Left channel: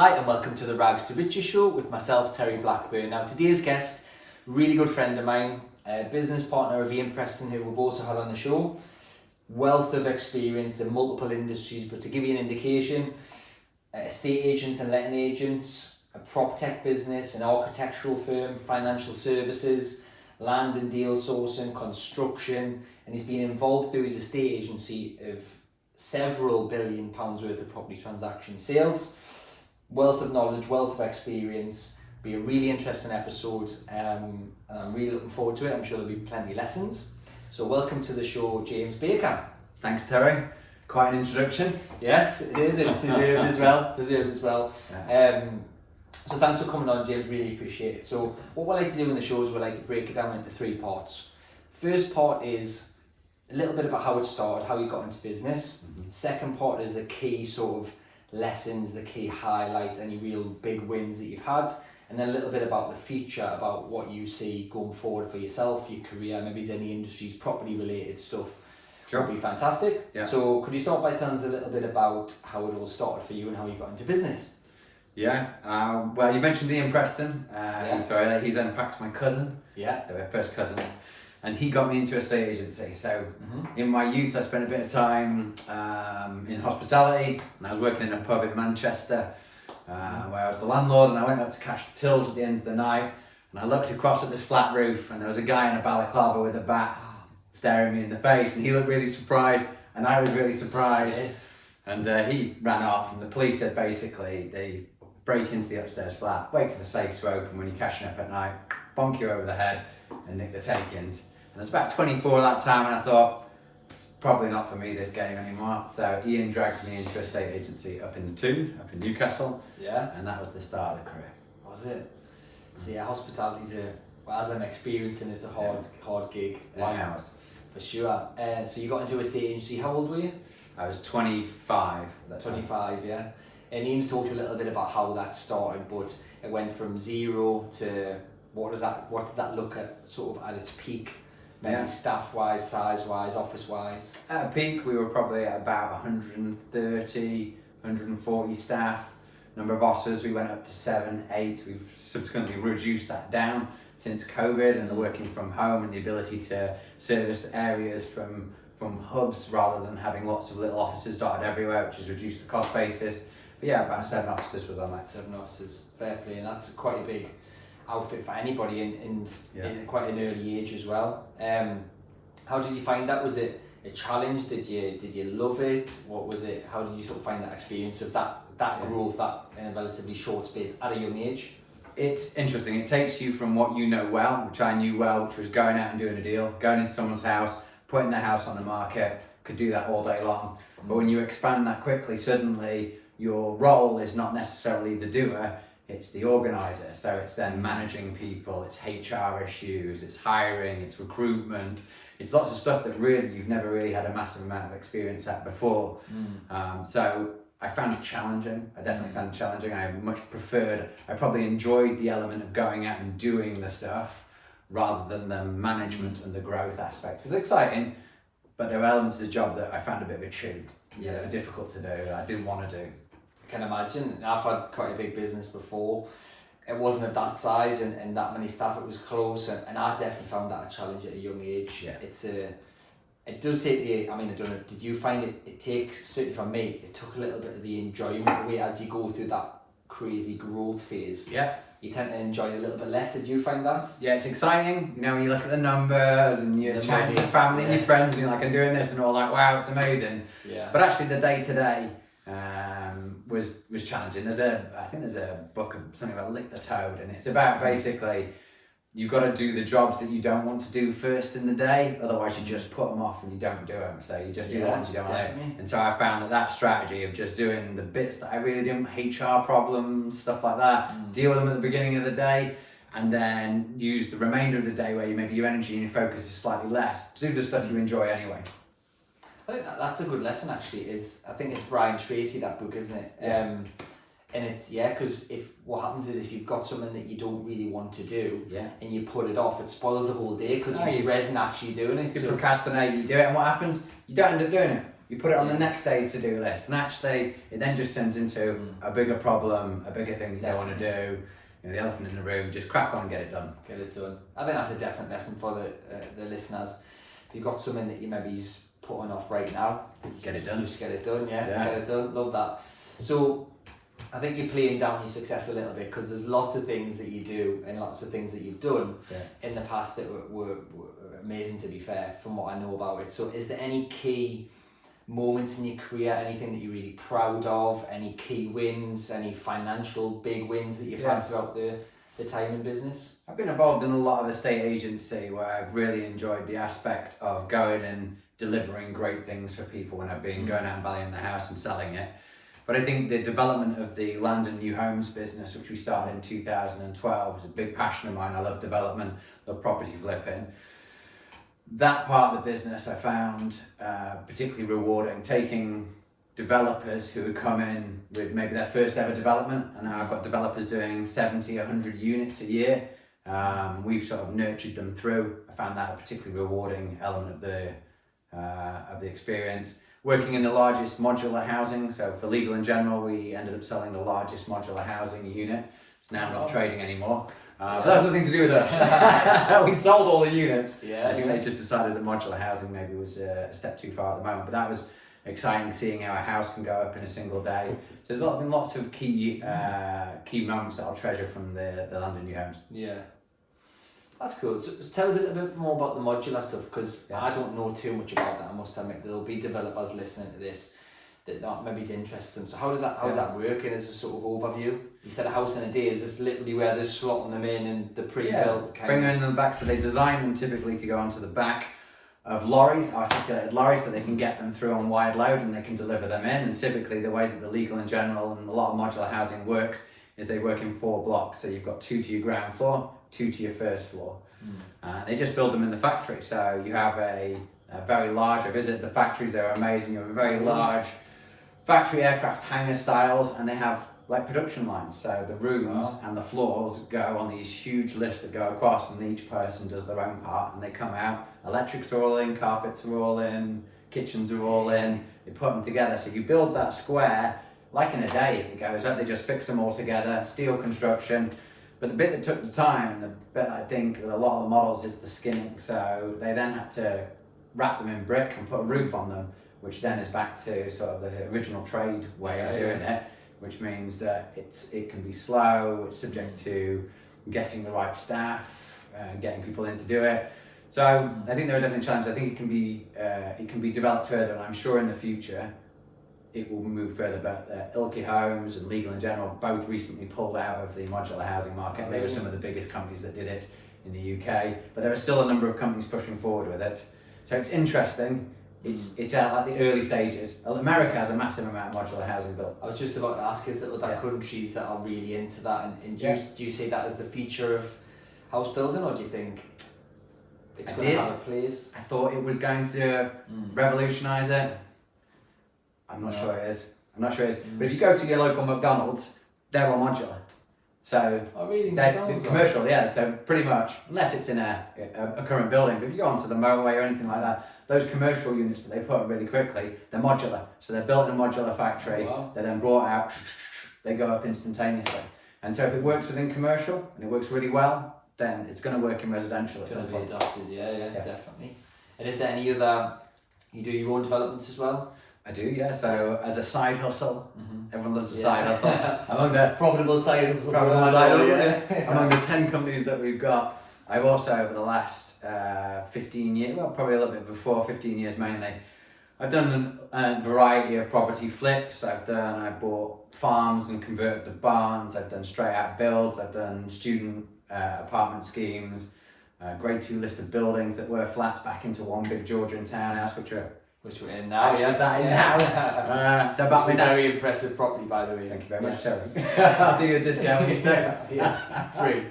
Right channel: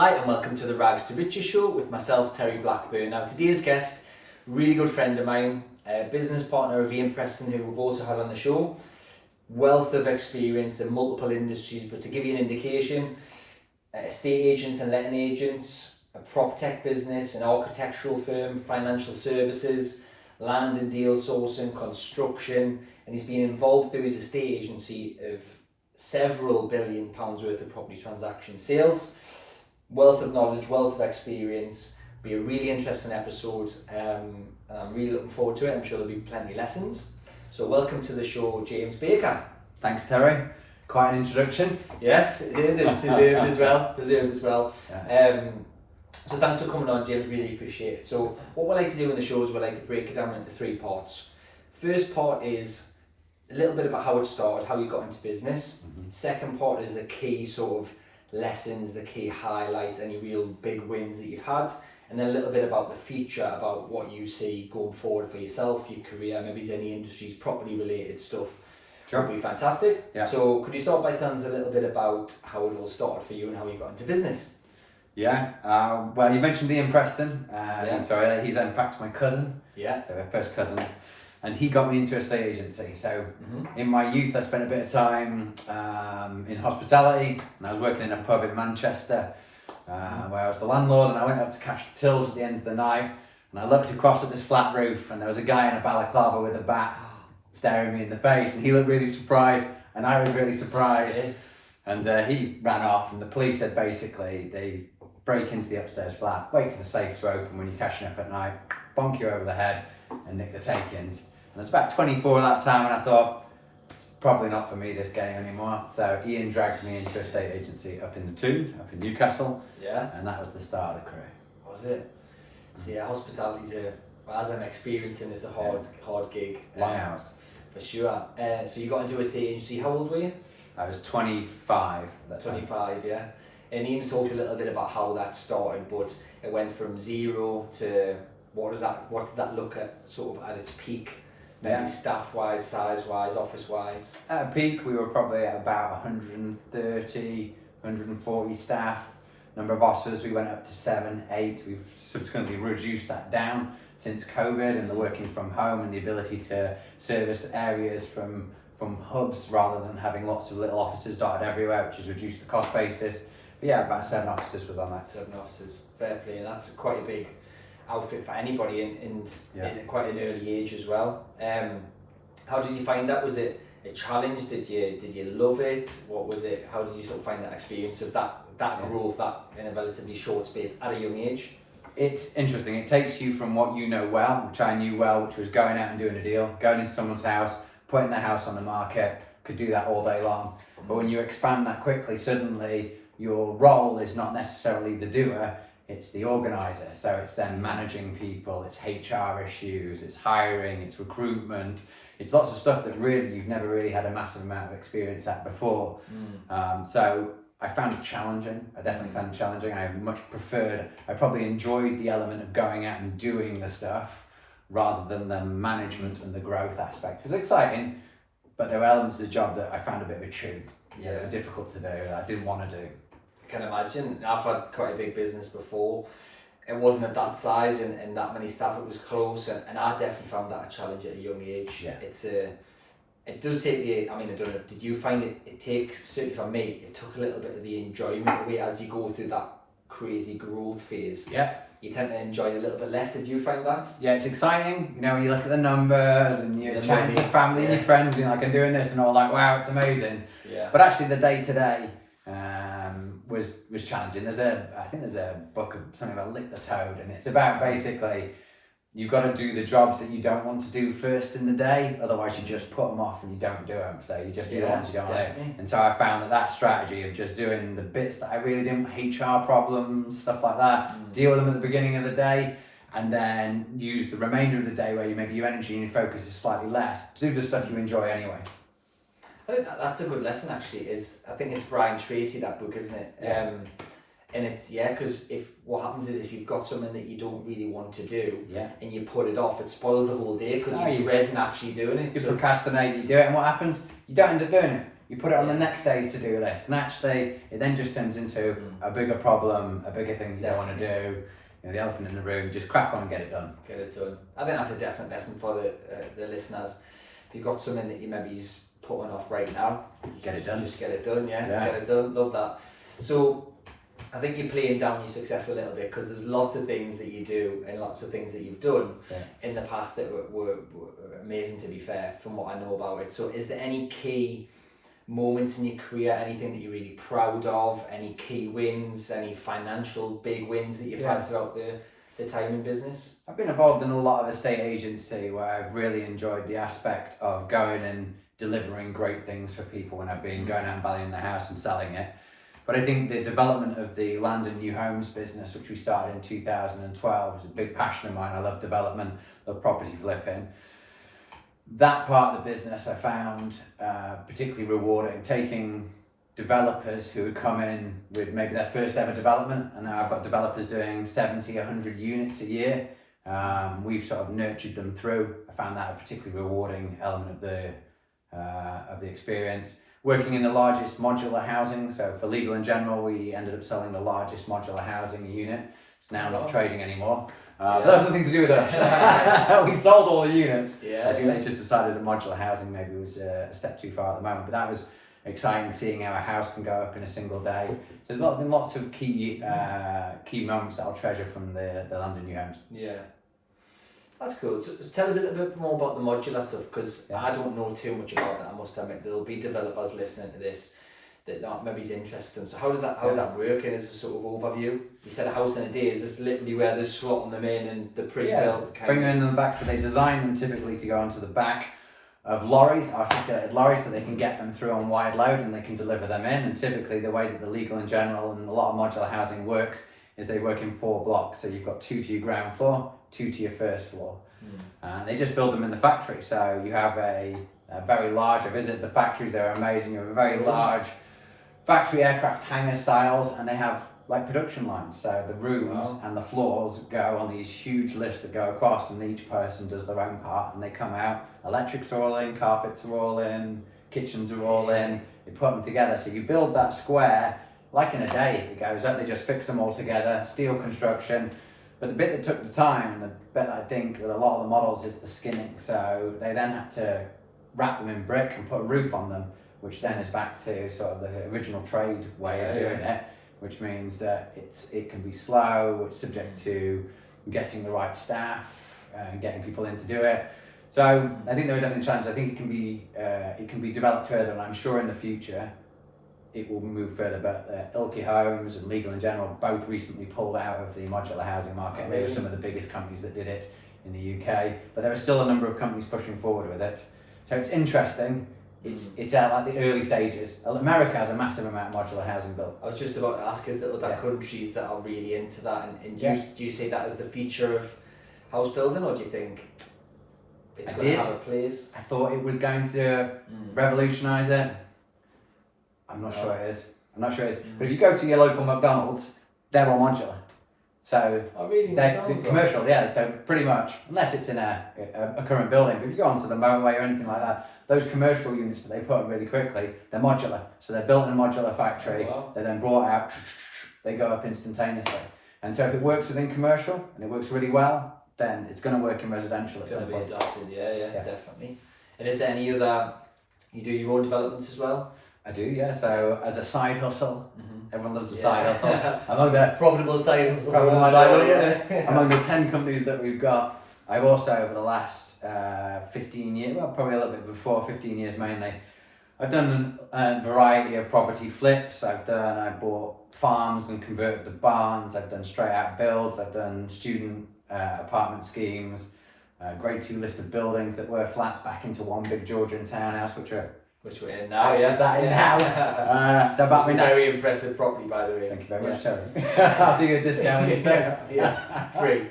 Hi and welcome to the Rags to Riches show with myself, Terry Blackburn. Now today's guest, really good friend of mine, a business partner of Ian Preston, who we've also had on the show. Wealth of experience in multiple industries, but to give you an indication, estate agents and letting agents, a prop tech business, an architectural firm, financial services, land and deal sourcing, construction, and he's been involved through his estate agency of several £1 billion worth of property transaction sales. Wealth of knowledge, wealth of experience. Be a really interesting episode, and I'm really looking forward to it. I'm sure there'll be plenty of lessons. So welcome to the show, James Baker. Thanks, Terry. Quite an introduction. Yes, it is. It's deserved as well. Yeah. So thanks for coming on, James. Really appreciate it. So what we like to do in the show is we like to break it down into 3 parts. First part is a little bit about how it started, how you got into business. Second part is the key sort of lessons, the key highlights, any real big wins that you've had, and then a little bit about the future, about what you see going forward for yourself, your career, maybe there's any industries, property related stuff. Sure. Would be fantastic. Yeah. So could you start by telling us a little bit about how it all started for you and how you got into business? Yeah, well, you mentioned Ian Preston. Yeah. So he's in fact my cousin. Yeah. So we're first cousins. And he got me into a estate agency. So in my youth, I spent a bit of time in hospitality, and I was working in a pub in Manchester where I was the landlord, and I went up to cash the tills at the end of the night, and I looked across at this flat roof, and there was a guy in a balaclava with a bat staring me in the face, and he looked really surprised, and I was really surprised. And he ran off, and the police said basically they break into the upstairs flat, wait for the safe to open when you're cashing up at night, bonk you over the head, and nick the take-ins. And I was about 24 at that time, and I thought, it's probably not for me, this game anymore. So Ian dragged me into a estate agency up in the Toon, up in Newcastle. Yeah. And that was the start of the career. Was it? So yeah, hospitality's as I'm experiencing, it's a hard gig. Long hours. For sure. So you got into a estate agency, how old were you? I was 25 at that time. 25, yeah. And Ian's talked a little bit about how that started, but it went from 0 to what did that look at sort of at its peak? Maybe staff-wise, size-wise, office-wise? At a peak, we were probably at about 130, 140 staff. Number of officers, we went up to 7, 8. We've subsequently reduced that down since COVID and the working from home and the ability to service areas from hubs rather than having lots of little offices dotted everywhere, which has reduced the cost basis. But yeah, about 7 officers was on that. 7 officers, fair play, and that's quite a big outfit for anybody in quite an early age as well. How did you find that? Was it a challenge? Did you love it? What was it? How did you sort of find that experience of that growth that in a relatively short space at a young age? It's interesting. It takes you from what you know well, which I knew well, which was going out and doing a deal, going into someone's house, putting their house on the market, could do that all day long. But when you expand that quickly, suddenly your role is not necessarily the doer, it's the organizer. So it's then managing people, it's HR issues, it's hiring, it's recruitment, it's lots of stuff that really you've never really had a massive amount of experience at before. So I found it challenging. I definitely found it challenging. I probably enjoyed the element of going out and doing the stuff rather than the management and the growth aspect. It was exciting, but there were elements of the job that I found a bit of a chew. Yeah, they were difficult to do, that I didn't want to do. I can imagine. I've had quite a big business before. It wasn't of that size and that many staff. It was close, and I definitely found that a challenge at a young age. Yeah. It does take I don't know, did you find it takes, certainly for me, it took a little bit of the enjoyment away as you go through that crazy growth phase. Yeah. You tend to enjoy it a little bit less. Did you find that? Yeah, it's exciting. You know, when you look at the numbers and you're chatting to family and your friends and you're like, I'm doing this, and all like, wow, it's amazing. Yeah. But actually the day-to-day was challenging. I think there's a book of something about Lick the Toad, and it's about basically you've got to do the jobs that you don't want to do first in the day, otherwise you just put them off and you don't do them. So you just do the ones you don't want to do. And so I found that strategy of just doing the bits that I really didn't, HR problems, stuff like that, deal with them at the beginning of the day, and then use the remainder of the day where maybe your energy and your focus is slightly less to do the stuff you enjoy anyway. I think that's a good lesson actually. I think it's Brian Tracy, that book, isn't it? Yeah. And it's, because what happens is if you've got something that you don't really want to do and you put it off, it spoils the whole day because you're dreading actually doing it. You procrastinate, you do it, and what happens? You don't end up doing it. You put it on the next day's to-do list, and actually it then just turns into a bigger problem, a bigger thing you don't want to do. You know, the elephant in the room, just crack on and get it done. Get it done. I think that's a definite lesson for the listeners. If you've got something that you maybe putting off right now, Get it done. Just get it done, yeah. Yeah. Get it done. Love that. So I think you're playing down your success a little bit, because there's lots of things that you do and lots of things that you've done in the past that were amazing, to be fair, from what I know about it. So is there any key moments in your career, anything that you're really proud of, any key wins, any financial big wins that you've had throughout the time in business? I've been involved in a lot of estate agency where I've really enjoyed the aspect of going and delivering great things for people when I've been going out and valuing the house and selling it. But I think the development of the land and new homes business, which we started in 2012, is a big passion of mine. I love development, love property flipping. That part of the business I found particularly rewarding, taking developers who had come in with maybe their first ever development, and now I've got developers doing 70, 100 units a year. We've sort of nurtured them through. I found that a particularly rewarding element of the experience. Working in the largest modular housing, so for Legal and General, we ended up selling the largest modular housing unit. It's now not trading anymore. But that's nothing to do with us. We sold all the units. I think they just decided that modular housing maybe was a step too far at the moment, but that was exciting, seeing how a house can go up in a single day. So there's been lots of key moments that I'll treasure from the land and new homes. Yeah. That's cool. So tell us a little bit more about the modular stuff, because I don't know too much about that. I must admit, there'll be developers listening to this that maybe is interesting. So how does that work? And as a sort of overview, you said a house in a day. Is this literally where they're slotting them in and the pre-built bring them in the back? So they design them typically to go onto the back of lorries, articulated lorries, so they can get them through on wide load and they can deliver them in. And typically the way that the Legal and General and a lot of modular housing works is they work in 4 blocks. So you've got 2 to your ground floor, 2 to your first floor. They just build them in the factory. So you have a very large, I visited the factories, they're amazing. You have a very large factory aircraft hangar styles, and they have like production lines. So the rooms and the floors go on these huge lifts that go across, and each person does their own part, and they come out. Electrics are all in, carpets are all in, kitchens are all in. They put them together. So you build that square like in a day. It goes up, they just fix them all together, steel construction. But the bit that took the time, and the bit that I think with a lot of the models, is the skinning. So they then had to wrap them in brick and put a roof on them, which then is back to sort of the original trade way of doing it, which means that it can be slow, it's subject to getting the right staff and getting people in to do it. So I think there are definitely challenges. I think it can be developed further, and I'm sure in the future it will move further. But Ilke Homes and Legal and General both recently pulled out of the modular housing market. They were some of the biggest companies that did it in the UK, but there are still a number of companies pushing forward with it. So it's interesting. It's at like the early stages. America has a massive amount of modular housing built. I was just about to ask, is there other countries that are really into that, and do you see that as the future of house building, or do you think it's going to have a place? I thought it was going to revolutionise it. I'm not sure it is. But if you go to your local McDonald's, they're all modular. So they're commercial, so pretty much, unless it's in a current building, but if you go onto the motorway or anything like that, those commercial units that they put up really quickly, they're modular. So they're built in a modular factory, they're then brought out, they go up instantaneously. And so if it works within commercial and it works really well, then it's going to work in residential at some point. It's going to be adopted, yeah, definitely. And is there any other, you do your own developments as well? I do, yeah. So as a side hustle, everyone loves the side hustle. Among the profitable side hustle. Among the 10 companies that we've got, I've also over the last 15 years, well, probably a little bit before 15 years mainly, I've done a variety of property flips. I bought farms and converted the barns. I've done straight out builds. I've done student apartment schemes, grade 2 listed buildings that were flats back into one big Georgian townhouse, which we're in now. So about very impressive property, by the way. Thank you very much, Terry. I'll do you a discount when you stay. Free.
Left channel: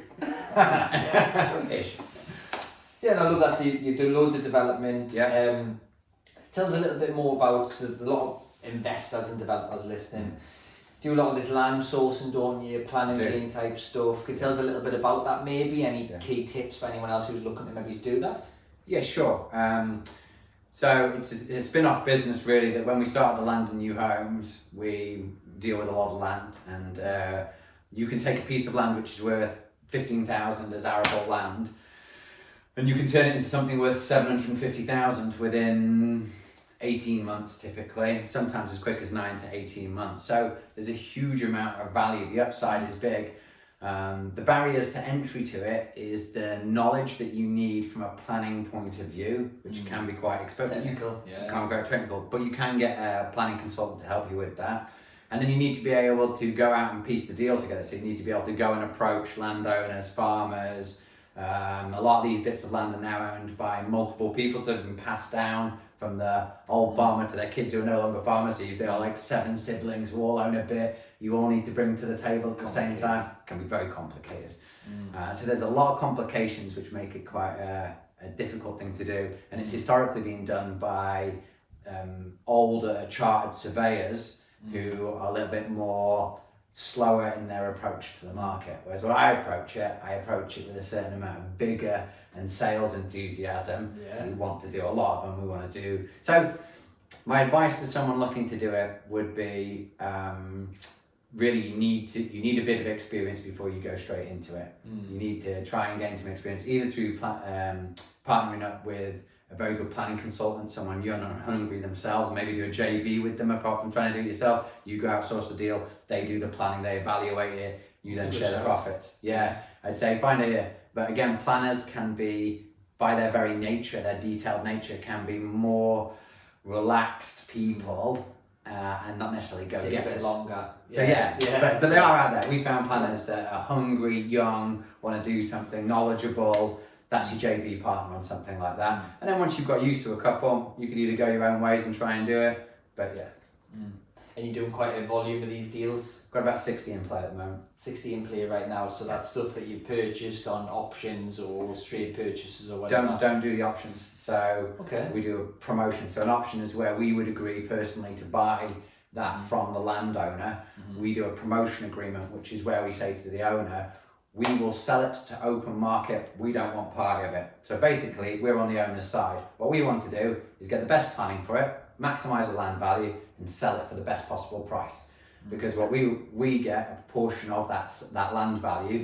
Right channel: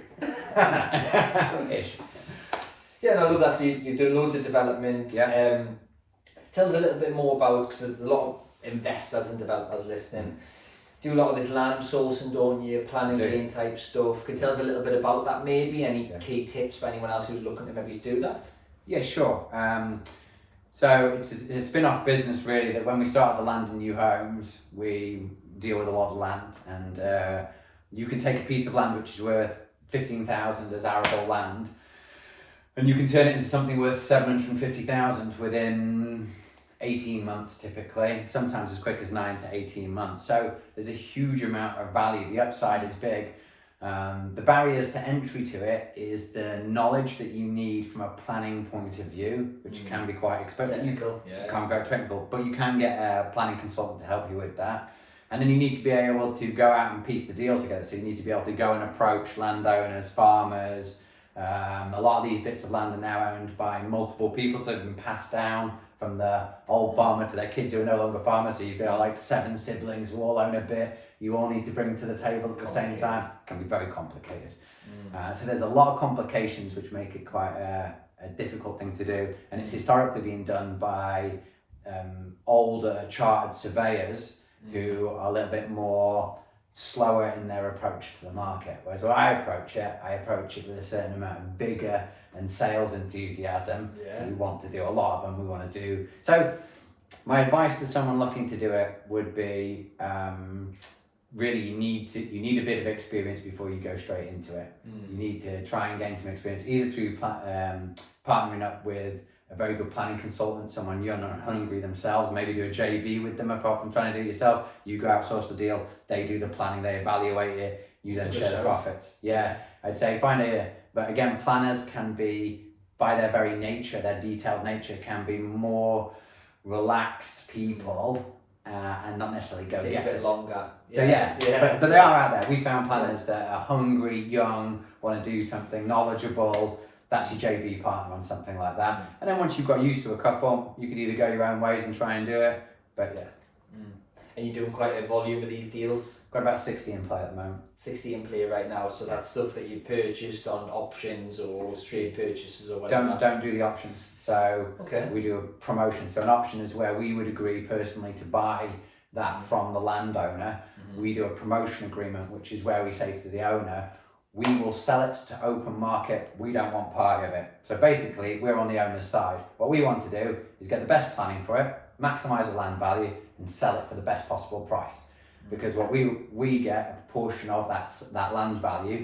Yeah, no, I love that. So you've done loads of development. Tell us a little bit more about, because there's a lot of investors and developers listening. Do a lot of this land sourcing, don't you? Planning game type stuff. Could you tell us a little bit about that, maybe? Any key tips for anyone else who's looking to maybe do that? Yeah, sure. So it's a spin-off business really, that when we started the Land and New Homes, we deal with a lot of land, and you can take a piece of land which is worth 15,000 as arable land, and you can turn it into something worth 750,000 within 18 months typically, sometimes as quick as 9 to 18 months. So there's a huge amount of value. The upside is big. The barriers to entry to it is the knowledge that you need from a planning point of view, which can be quite expensive. Technical, You can't go technical, but you can get a planning consultant to help you with that. And then you need to be able to go out and piece the deal together. So you need to be able to go and approach landowners, farmers. A lot of these bits of land are now owned by multiple people, so they've been passed down from the old farmer to their kids who are no longer farmers. So you've got like 7 siblings who all own a bit. You all need to bring to the table at the same time. It can be very complicated. So there's a lot of complications which make it quite a difficult thing to do. And it's historically been done by older chartered surveyors who are a little bit more slower in their approach to the market. Whereas when I approach it with a certain amount of vigor and sales enthusiasm. We want to do a lot of them. We want to do so. My advice to someone looking to do it would be really you need a bit of experience before you go straight into it. You need to try and gain some experience either through partnering up with a very good planning consultant, someone young and hungry themselves, maybe do a JV with them apart from trying to do it yourself. You go outsource the deal, they do the planning, they evaluate it, you then share the profits. I'd say but again, planners can be, by their very nature, their detailed nature, can be more relaxed people and not necessarily go get it. Longer. So but they are out there. We found planners that are hungry, young, want to do something knowledgeable. That's your JV partner on something like that. And then once you've got used to a couple, you can either go your own ways and try and do it. But And you're doing quite a volume of these deals? Got about 60 in play at the moment. 60 in play right now, so that's stuff that you purchased on options or straight purchases or whatever? Don't do the options. So we do a promotion. So an option is where we would agree personally to buy that from the landowner. We do a promotion agreement, which is where we say to the owner, we will sell it to open market. We don't want part of it. So basically, we're on the owner's side. What we want to do is get the best planning for it, maximise the land value, and sell it for the best possible price. Because what we get a portion of that land value,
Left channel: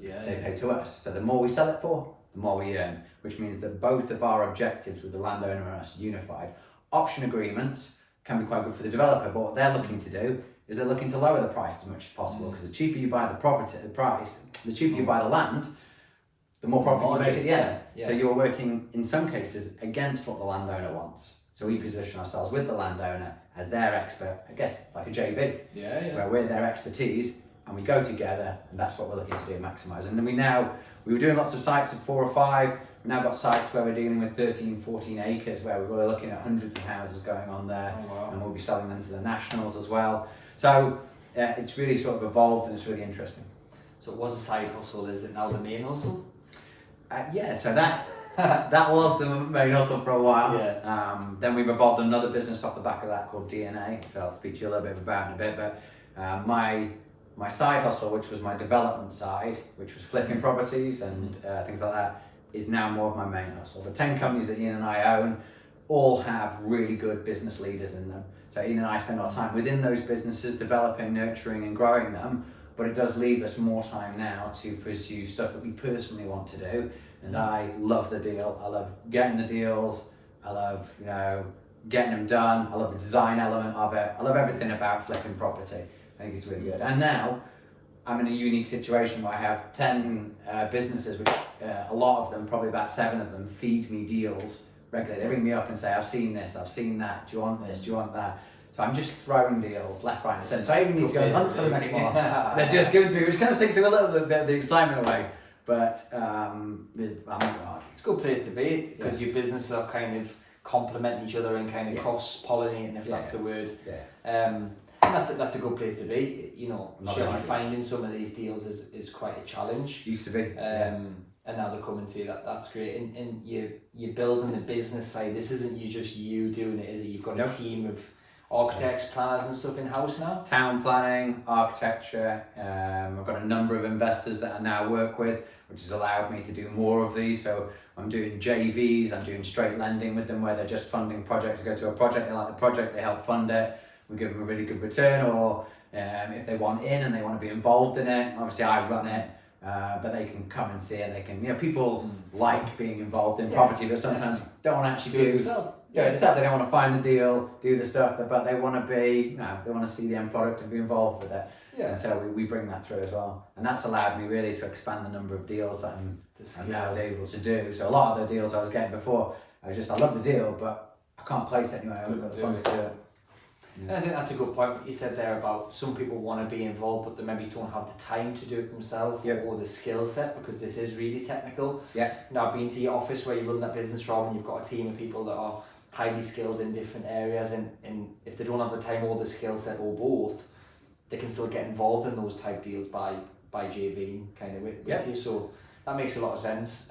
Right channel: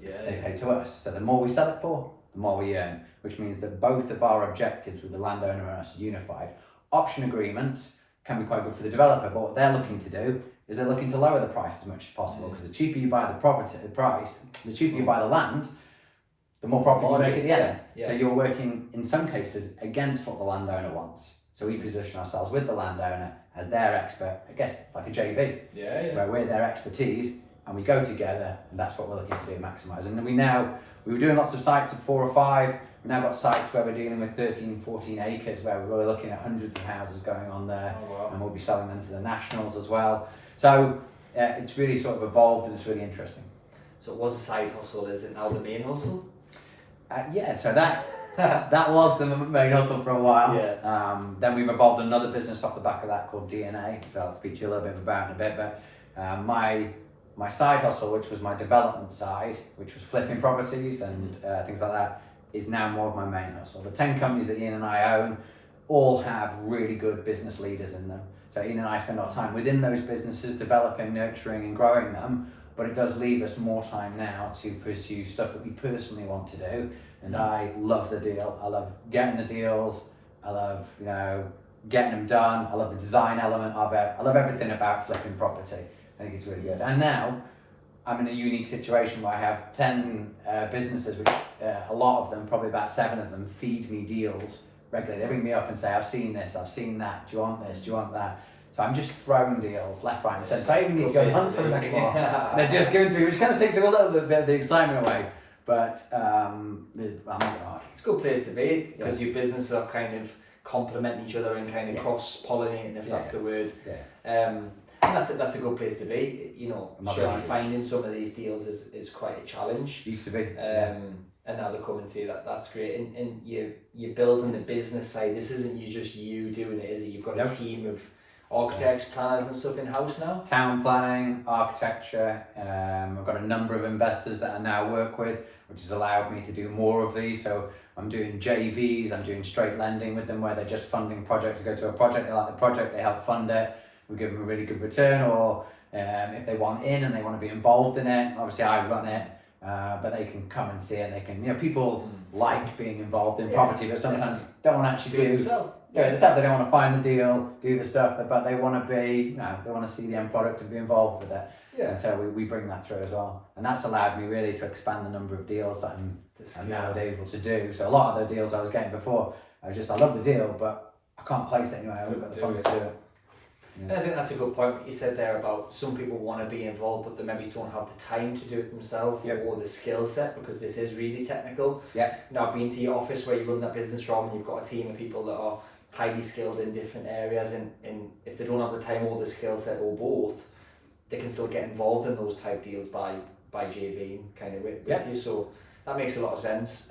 they pay to us. So the more we sell it for, the more we earn, which means that both of our objectives with the landowner and us are unified. Option agreements can be quite good for the developer, but what they're looking to do is they're looking to lower the price as much as possible, because the cheaper you buy the cheaper you buy the land, the more profit you make at the end. So you're working, in some cases, against what the landowner wants. So we position ourselves with the landowner as their expert, I guess like a JV, where we're their expertise, and we go together, and that's what we're looking to do, maximise. And then we were doing lots of sites of 4 or 5, we've now got sites where we're dealing with 13, 14 acres, where we're looking at hundreds of houses going on there, and we'll be selling them to the nationals as well. So it's really sort of evolved, and it's really interesting. So it was a side hustle, is it now the main hustle? So that was the main hustle for a while. Then we've evolved another business off the back of that called DNA, which I'll speak to you a little bit about in a bit. But my side hustle, which was my development side, which was flipping properties and things like that, is now more of my main hustle. The 10 companies that Ian and I own all have really good business leaders in them. So Ian and I spend our time within those businesses, developing, nurturing and growing them. But it does leave us more time now to pursue stuff that we personally want to do. And I love the deal. I love getting the deals. I love, getting them done. I love the design element of it. I love everything about flipping property. I think it's really good. And now I'm in a unique situation where I have 10 businesses, which a lot of them, probably about 7 of them, feed me deals regularly. They ring me up and say, I've seen this, I've seen that. Do you want this? Do you want that? So I'm just throwing deals left, right and centre. So I even need to go and hunt for them anymore. They're just given to me, which kind of takes a little bit of the excitement away. But I'm not going to argue. It's a good place to be, because your businesses are kind of complement each other and kind of cross-pollinating, if that's the word. And that's a good place to be. Finding some of these deals is quite a challenge. Used to be. And now they're coming to you, that's great. And you're building the business side. This isn't just you doing it, is it? You've got a team architects, planners and stuff in-house now? Town planning, architecture. I've got a number of investors that I now work with, which has allowed me to do more of these. So I'm doing JVs, I'm doing straight lending with them where they're just funding projects. To go to a project, they like the project, they help fund it, we give them a really good return. Or if they want in and they want to be involved in it, obviously I run it, but they can come and see it. They can, people like being involved in property, but sometimes don't want to actually do it's that they don't want to find the deal, do the stuff, but they want to be, they want to see the end product and be involved with it. Yeah. And so we bring that through as well. And that's allowed me really to expand the number of deals that I'm now able to do. So a lot of the deals I was getting before, I love the deal, but I can't place it anyway. I haven't got the funds to do it. Yeah. And I think that's a good point what you said there about some people want to be involved but they maybe don't have the time to do it themselves or the skill set, because this is really technical. Yeah. I've been to your office where you run that business from, and you've got a team of people that are highly skilled in different areas, and if they don't have the time or the skill set or both, they can still get involved in those type deals by JVing kind of with you. So that makes a lot of sense.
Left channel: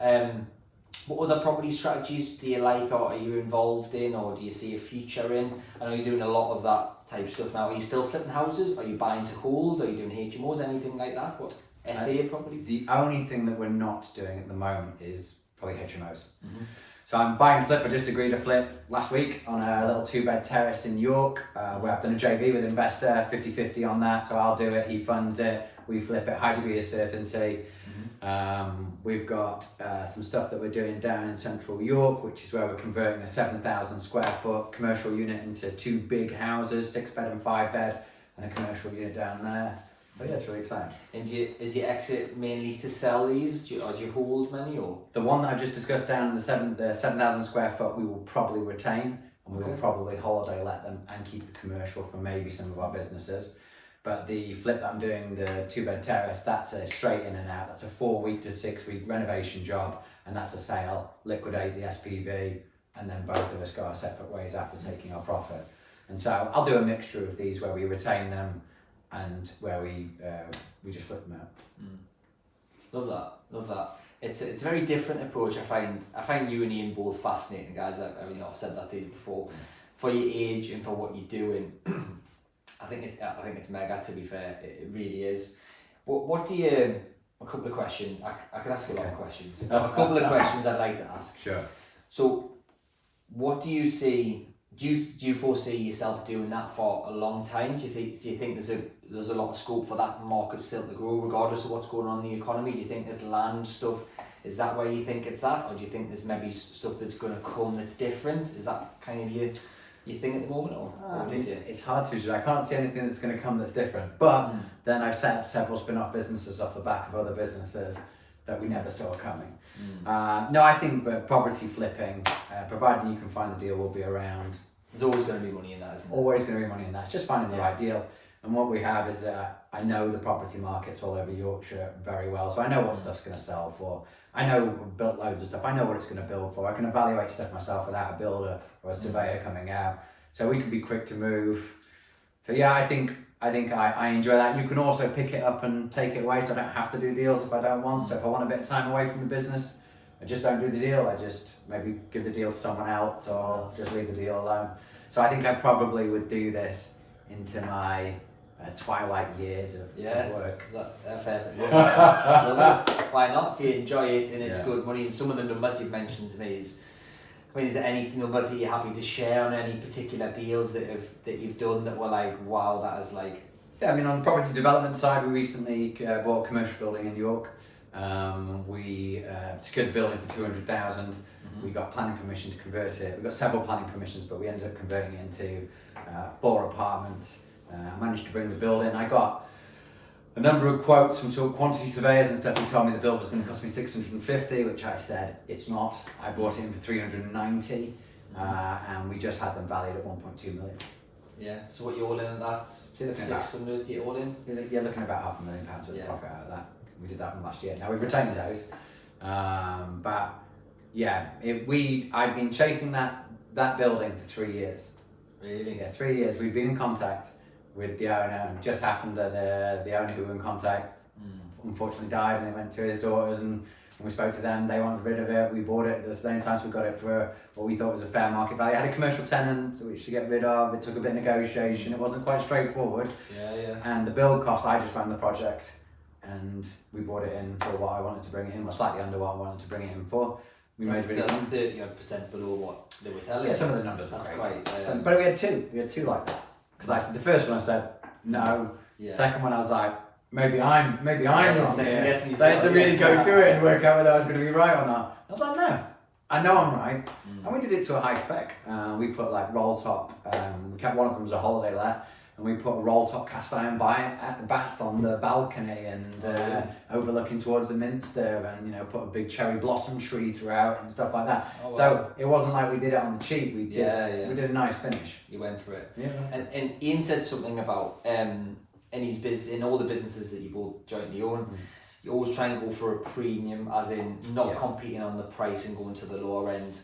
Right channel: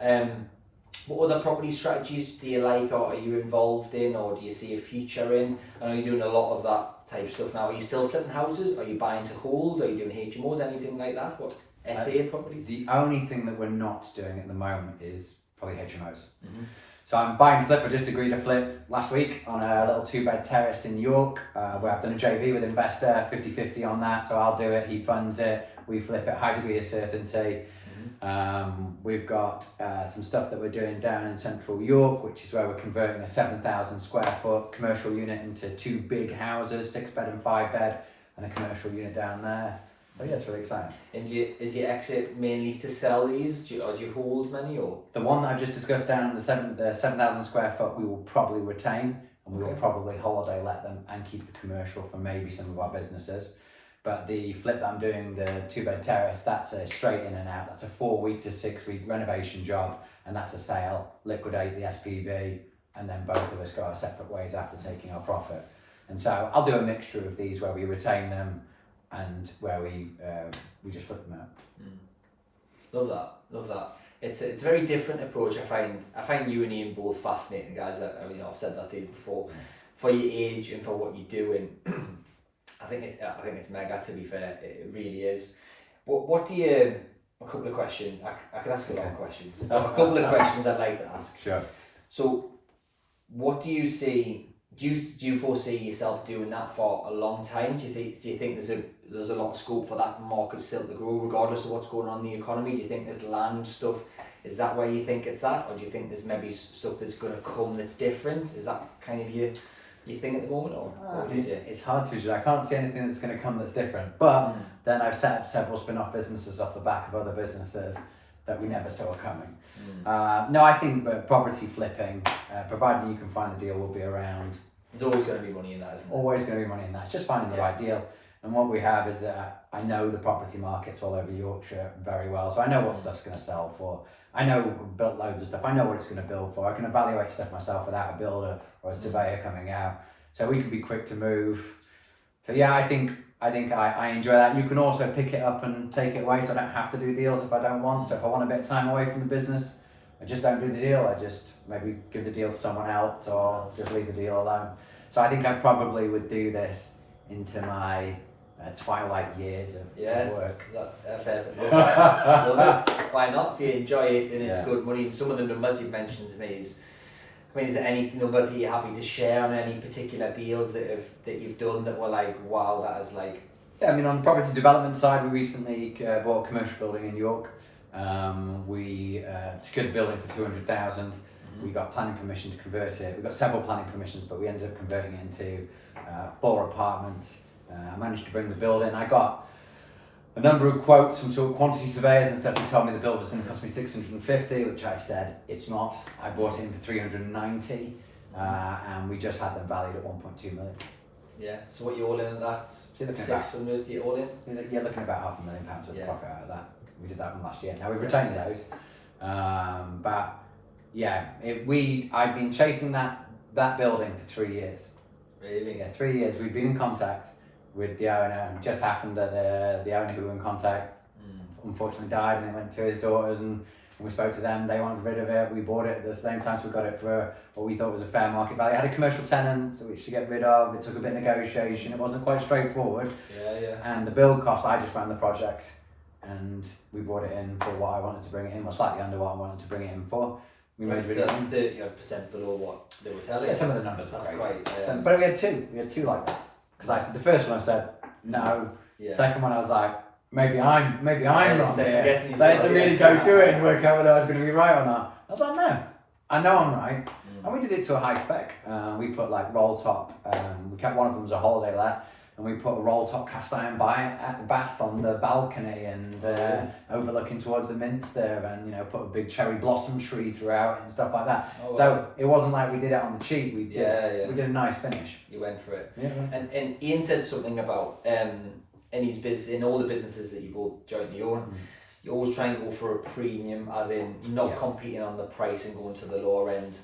What other property strategies do you like, or are you involved in, or do you see a future in? I know you're doing a lot of that type of stuff now. Are you still flipping houses? Are you buying to hold? Are you doing HMOs, anything like that? What SA properties? The only thing that we're not doing at the moment is probably HMOs. Mm-hmm. So I'm buying flip. I just agreed to flip last week on a little 2-bed terrace in York, where I've done a JV with an investor, 50-50 on that. So I'll do it, he funds it, we flip it, high degree of certainty. We've got some stuff that we're doing down in central York, which is where we're converting a 7,000 square foot commercial unit into 2 big houses, 6-bed and 5-bed, and a commercial unit down there. But yeah, it's really exciting. And is your exit mainly to sell these, or do you hold many? Or the one that I've just discussed down, the 7,000 square foot, we will probably retain, and we will probably holiday let them and keep the commercial for maybe some of our businesses. But the flip that I'm doing, the 2-bed terrace, that's a straight in and out. That's a 4-week to 6-week renovation job, and that's a sale, liquidate the SPV, and then both of us go our separate ways after taking our profit. And so I'll do a mixture of these where we retain them and where we just flip them out. Love that. It's a very different approach. I find you and Ian both fascinating guys. I've said that to you before. For your age and for what you're doing, I think it's mega. To be fair, it really is. What do you? A couple of questions. I can ask a lot of questions. A couple of questions I'd like to ask. Sure. So, what do you see? Do you foresee yourself doing that for a long time? Do you think there's a lot of scope for that market still to grow regardless of what's going on in the economy? Do you think there's land stuff? Is that where you think it's at, or do you think there's maybe stuff that's going to come that's different? Is that kind of your thing at the moment, or it's hard to judge. I can't see anything that's going to come that's different. But then I've set up several spin-off businesses off the back of other businesses that we never saw coming. No, I think property flipping, providing you can find the deal, will be around. There's always going to be money in that, isn't there? Always going to be money in that. It's just finding the right deal. And what we have is I know the property markets all over Yorkshire very well, so I know what stuff's going to sell for. I know we've built loads of stuff. I know what it's going to build for. I can evaluate stuff myself without a builder or a surveyor coming out. So we can be quick to move. So yeah, I think I enjoy that. You can also pick it up and take it away, so I don't have to do deals if I don't want. So if I want a bit of time away from the business, I just don't do the deal. I just maybe give the deal to someone else or just leave the deal alone. So I think I probably would do this into my twilight years of work. Is that fair? Love it. Why not? If you enjoy it and it's good money. And some of the numbers you've mentioned to me is there any numbers that you're happy to share on any particular deals that you've done that were like, wow, that is like? Yeah, I mean, on the property development side, we recently bought a commercial building in York. We secured the building for 200,000. We got planning permission to convert it. We got several planning permissions, but we ended up converting it into 4 apartments. I managed to bring the build in. I got a number of quotes from sort of quantity surveyors and stuff who told me the build was going to cost me 650, which I said it's not. I bought it in for 390, and we just had them valued at 1.2 million. Yeah. So what you all in at that? 600. You all in? You're looking at about £500,000 worth of profit out of that. We did that one last year. Now we've retained those, but yeah, I've been chasing that building for 3 years. Really? Yeah, 3 years. We've been in contact with the owner. It just happened that the owner who we were in contact unfortunately died, and it went to his daughters, and And we spoke to them, they wanted rid of it, we bought it at the same time, so we got it for what we thought was a fair market value. It had a commercial tenant, which to get rid of, it took a bit of negotiation, it wasn't quite straightforward. Yeah. And the build cost, I just ran the project and we brought it in for what I wanted to bring it in, or slightly under what I wanted to bring it in for. We made really that's 30% below what they were telling. Yeah, some of the numbers were that's crazy. quite. But we had two like that. Because I said, the first one I said, no. Yeah. Second one I was like, maybe I'm wrong here. They had to really go through it and work out whether I was going to be right or not. I was like, no, I know I'm right. And we did it to a high spec. We put like roll top, we kept one of them as a holiday let, and we put a roll top cast iron bath on the balcony and overlooking towards the Minster, and put a big cherry blossom tree throughout and stuff like that. Oh, wow. So it wasn't like we did it on the cheap. We did a nice finish. You went for it. Yeah. And Ian said something about in his business, in all the businesses that you both jointly own, you always try and go for a premium, as in not competing on the price and going to the lower end.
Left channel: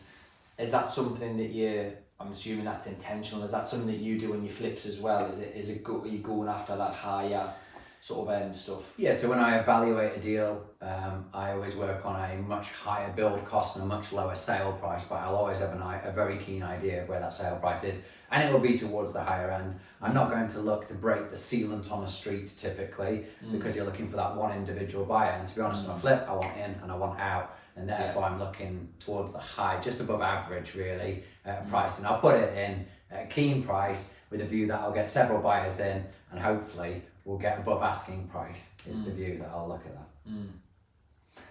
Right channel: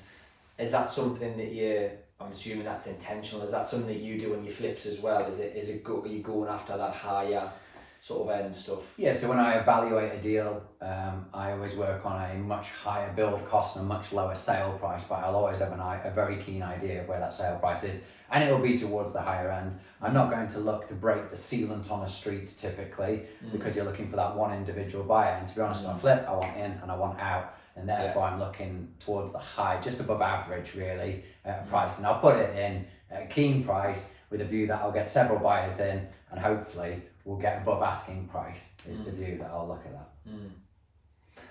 Is that something that I'm assuming that's intentional. Is that something that you do in your flips as well? Are you going after that higher sort of end stuff? Yeah, so when I evaluate a deal, I always work on a much higher build cost and a much lower sale price, but I'll always have a very keen idea of where that sale price is, and it will be towards the higher end. I'm not going to look to break the sealant on a street typically, because you're looking for that one individual buyer, and to be honest, on a flip, I want in and I want out. And therefore I'm looking towards the high, just above average really, price. And I'll put it in at a keen price with a view that I'll get several buyers in, and hopefully we'll get above asking price is the view that I'll look at that.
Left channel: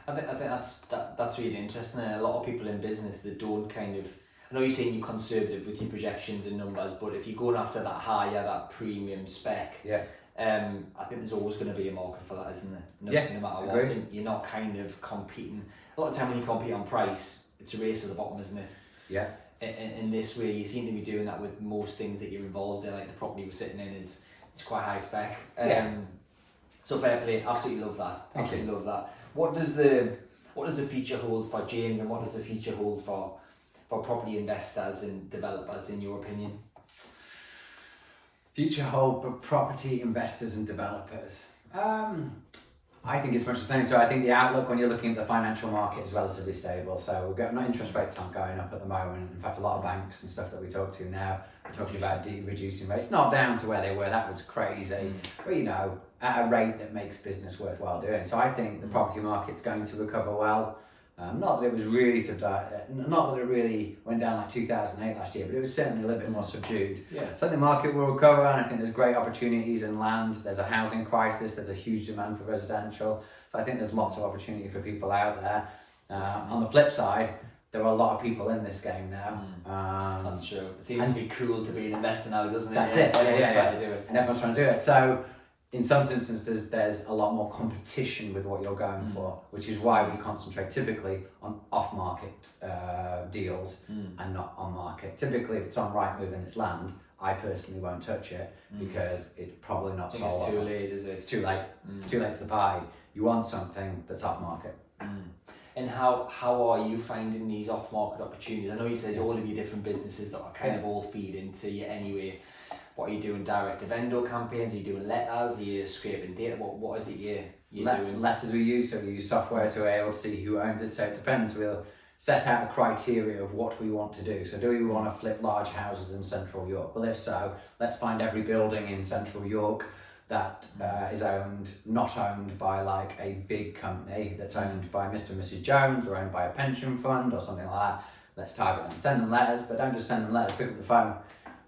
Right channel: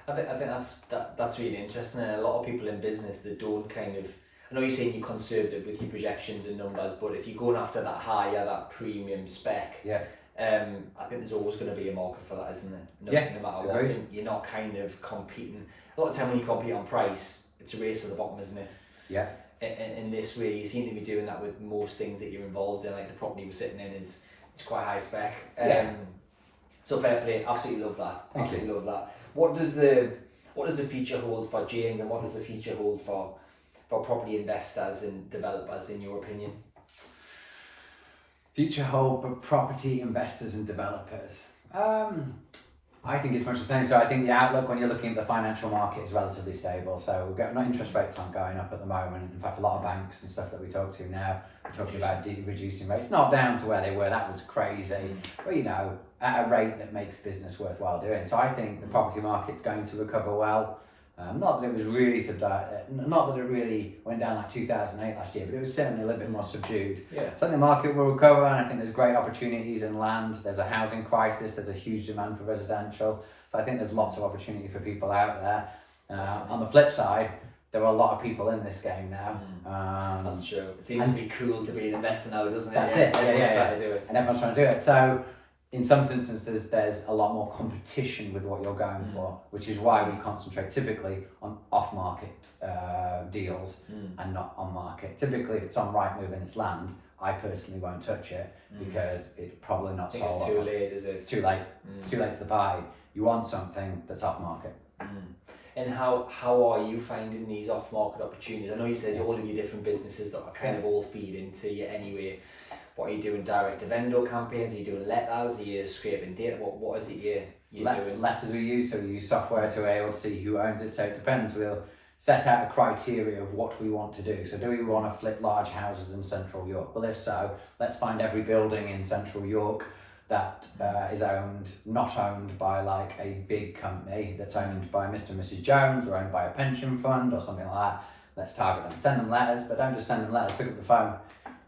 I think that's really interesting, and a lot of people in business that don't kind of, I know you're saying you're conservative with your projections and numbers, but if you're going after that higher, that premium spec, I think there's always going to be a market for that, isn't there? No matter what, and you're not kind of competing. A lot of time when you compete on price, it's a race to the bottom, isn't it? Yeah. In this way, you seem to be doing that with most things that you're involved in. Like the property you're sitting in is quite high spec. So fair play, absolutely love that. Absolutely love that. What does the future hold for James, and what does the future hold for property investors and developers, in your opinion? Future hold for property investors and developers. I think it's much the same. So I think the outlook when you're looking at the financial market is relatively stable. So we've got interest rates aren't going up at the moment. In fact, a lot of banks and stuff that we talk to now are talking about reducing rates. Not down to where they were, that was crazy. But at a rate that makes business worthwhile doing. So I think the property market's going to recover well. Not that it was really not that it really went down like 2008 last year, but it was certainly a little bit more subdued. So I think the market will recover, and I think there's great opportunities in land. There's a housing crisis, there's a huge demand for residential. So I think there's lots of opportunity for people out there. On the flip side, there are a lot of people in this game now. That's true. It seems to be cool to be an investor now, doesn't it? That's it. Everyone's trying to do it. And everyone's trying to do it. So in some instances, there's a lot more competition with what you're going for, which is why we concentrate typically on off-market deals and not on-market. Typically, if it's on Rightmove and it's land, I personally won't touch it because it's probably not sold. It's too late, is it? It's too late. It's too late to the party. You want something that's off-market. And how are you finding these off-market opportunities? I know you said all of your different businesses that are kind of all feed into you anyway. What are you doing? Direct to vendor campaigns? Are you doing letters? Are you scraping data? What is it you're doing? Letters we use, so we use software to be able to see who owns it. So it depends. We'll set out a criteria of what we want to do. So do we want to flip large houses in central York? Well, if so, let's find every building in central York that is not owned by like a big company, that's owned by Mr. and Mrs. Jones, or owned by a pension fund or something like that. Let's target them. Send them letters, but don't just send them letters. Pick up the phone.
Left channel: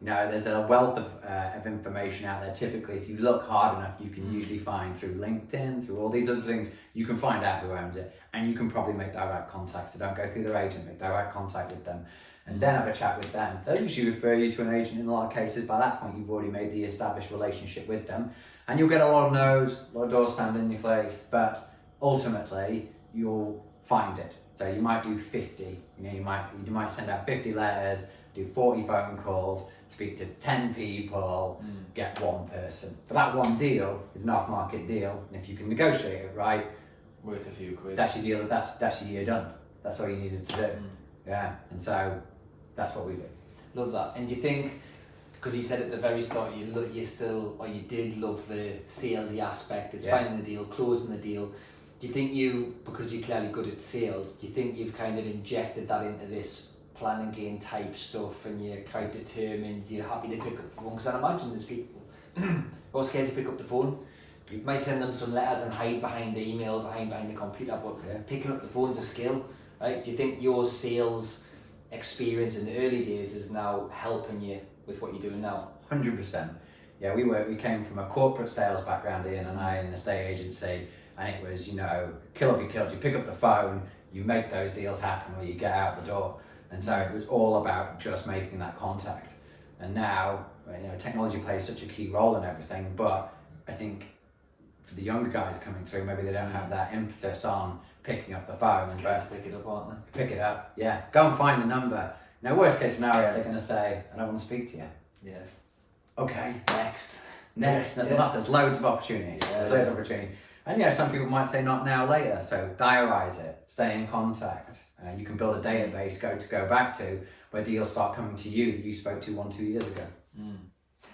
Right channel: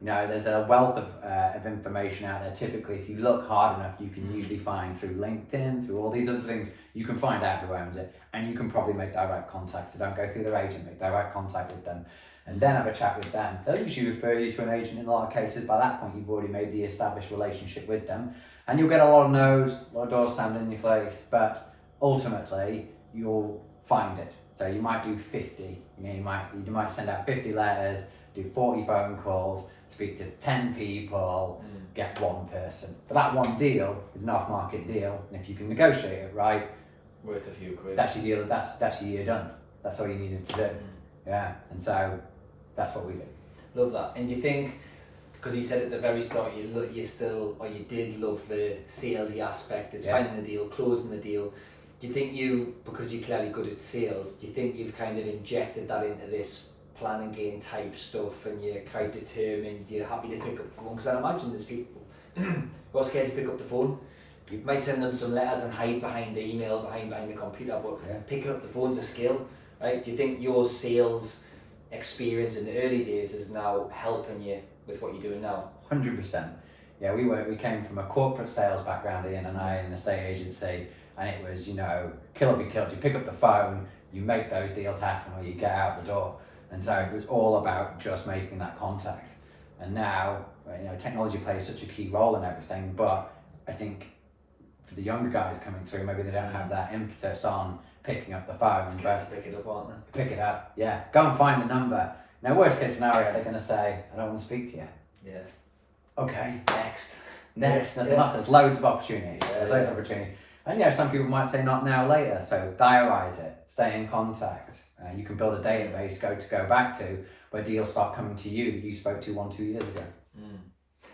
There's a wealth of information out there. Typically, if you look hard enough, you can usually find through LinkedIn, through all these other things, you can find out who owns it, and you can probably make direct contact. So don't go through their agent, make direct contact with them, and then have a chat with them. They'll usually refer you to an agent in a lot of cases. By that point, you've already made the established relationship with them, and you'll get a lot of no's, a lot of doors standing in your face, but ultimately, you'll find it. So you might do 50, you might send out 50 letters, do 40 phone calls, speak to 10 people, get one person. But that one deal is an off-market deal, and if you can negotiate it right, worth a few quid. That's your deal. That's your year done. That's all you needed to do. Yeah, and so that's what we do. Love that. And do you think, because you said at the very start, you did love the salesy aspect. It's finding the deal, closing the deal. Do you think because you're clearly good at sales, do you think you've kind of injected that into this plan and gain type stuff, and you're quite determined, you're happy to pick up the phone? Because I imagine there's people who are scared to pick up the phone. You might send them some letters and hide behind the emails, hide behind the computer, but picking up the phone's a skill, right? Do you think your sales experience in the early days is now helping you with what you're doing now? 100%. Yeah, we came from a corporate sales background, Ian and I, in the estate agency, and it was, kill or be killed. You pick up the phone, you make those deals happen, or you get out the door. And so it was all about just making that contact. And now, technology plays such a key role in everything, but I think for the younger guys coming through, maybe they don't have that impetus on picking up the phone. But pick it up, aren't they? Pick it up, yeah. Go and find the number. Now, worst case scenario, they're going to say, I don't want to speak to you. Yeah. Okay. Next. Nothing else. There's loads of opportunity. There's loads of opportunity. And some people might say not now, later. So diarise it. Stay in contact. You can build a database go back to where deals start coming to you that you spoke to 1-2 years ago.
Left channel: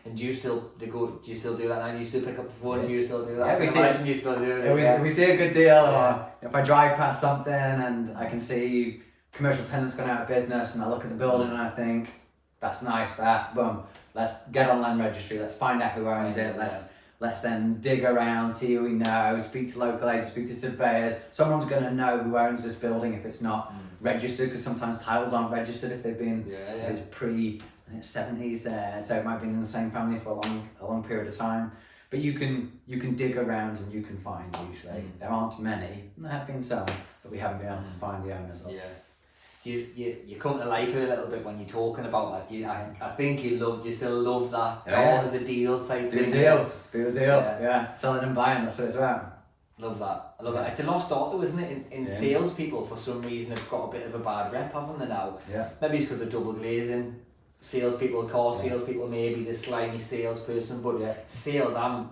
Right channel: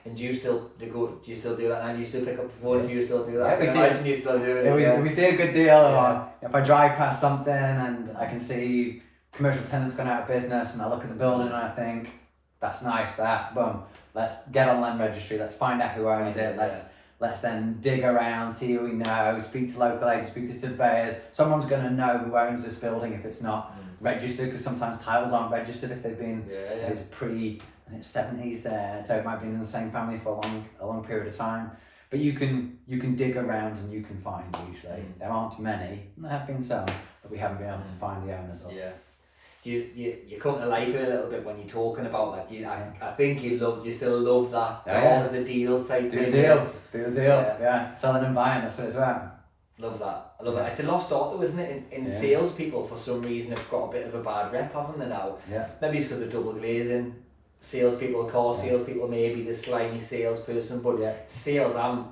And do you still do that now? Do you still pick up the phone? Do you still do that? Yeah, you still do it. If we see a good deal, or if I drive past something and I can see commercial tenants gone out of business, and I look at the building and I think, that's nice, boom, let's get on land registry, let's find out who owns it, let's then dig around, see who we know, speak to local agents, speak to surveyors. Someone's going to know who owns this building if it's not registered, because sometimes titles aren't registered if they've been it's I think 70s there, so it might have been in the same family for a long period of time. But you can dig around and you can find usually. There aren't many, there have been some, but we haven't been able to find the owners of. Yeah. Do you come to life here a little bit when you're talking about that? I think you still love that part of the deal type thing. Do the deal, yeah. Selling and buying, that's what it's about. Love that. I love that. It's a lost art though, isn't it? In salespeople, for some reason, have got a bit of a bad rep, haven't they now? Yeah. Maybe it's because they're double glazing. Salespeople, salespeople, maybe the slimy salesperson, but sales, I'm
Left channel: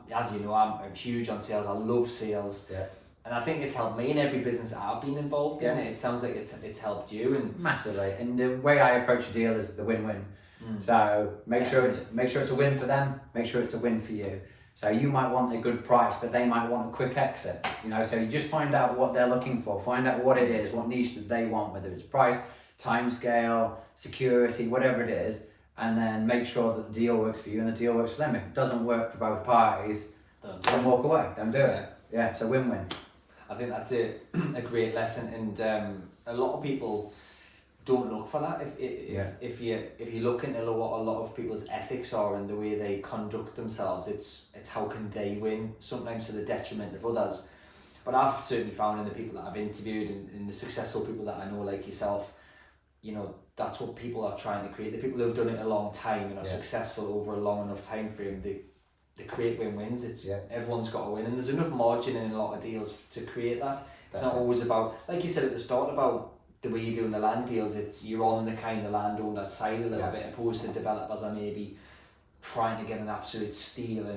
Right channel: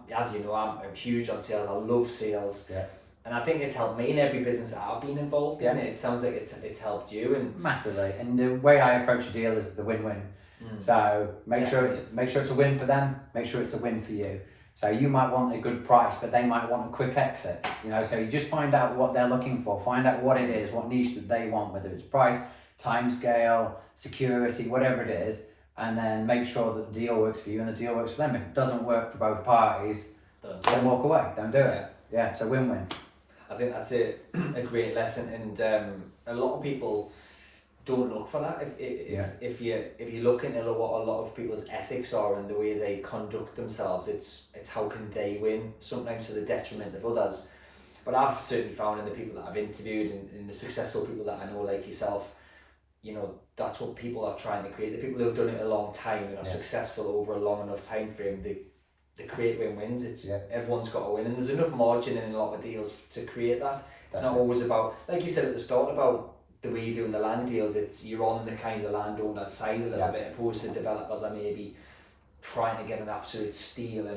huge on sales. I love sales. Yeah. And I think it's helped me in every business that I've been involved in. It sounds like it's helped you, and massively. And the way I approach a deal is the win-win. So make sure it's a win for them. Make sure it's a win for you. So you might want a good price, but they might want a quick exit. So you just find out what they're looking for. Find out what it is, what niche that they want, whether it's price, time scale, security, whatever it is, and then make sure that the deal works for you and the deal works for them. If it doesn't work for both parties, don't walk away. Don't do it. Yeah, it's a win-win. I think that's a great lesson, and a lot of people don't look for that. If you look into what a lot of people's ethics are and the way they conduct themselves, it's how can they win, sometimes to the detriment of others. But I've certainly found in the people that I've interviewed and the successful people that I know like yourself, that's what people are trying to create. The people who have done it a long time and are successful over a long enough time frame, they create win-wins. Everyone's got to win, and there's enough margin in a lot of deals to create that. It's not always about, like you said at the start, about the way you're doing the land deals. It's you're on the kind of landowner side a little bit, opposed to developers are maybe trying to get an absolute steal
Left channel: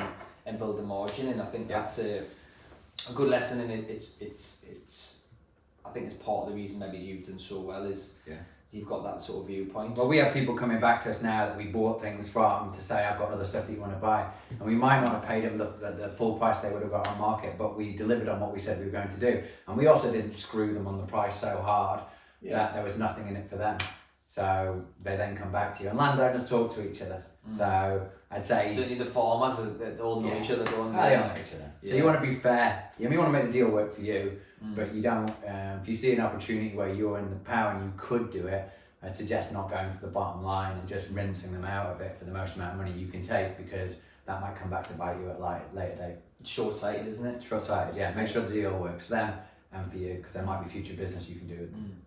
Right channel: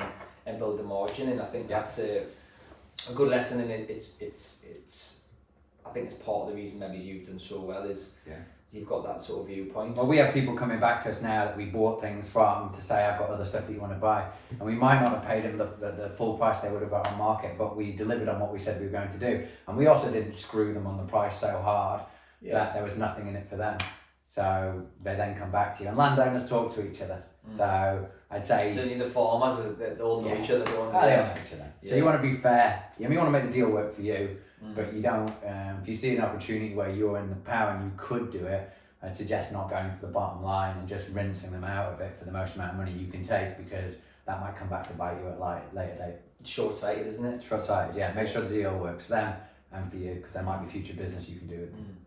and build the margin. And I think that's a good lesson, and it's I think it's part of the reason maybe you've done so well is you've got that sort of viewpoint. Well, we have people coming back to us now that we bought things from to say, I've got other stuff that you want to buy. And we might not have paid them the full price they would have got on market, but we delivered on what we said we were going to do. And we also didn't screw them on the price so hard that there was nothing in it for them. So they then come back to you. And landowners talk to each other. So I'd say... Certainly the farmers, they all know each other. They all know each other. So you want to be fair. You want to make the deal work for you. But you don't, if you see an opportunity where you're in the power and you could do it, I'd suggest not going to the bottom line and just rinsing them out of it for the most amount of money you can take, because that might come back to bite you at later date. Short-sighted, isn't it? Short-sighted, yeah. Make sure the deal works for them and for you, because there might be future business you can do with them.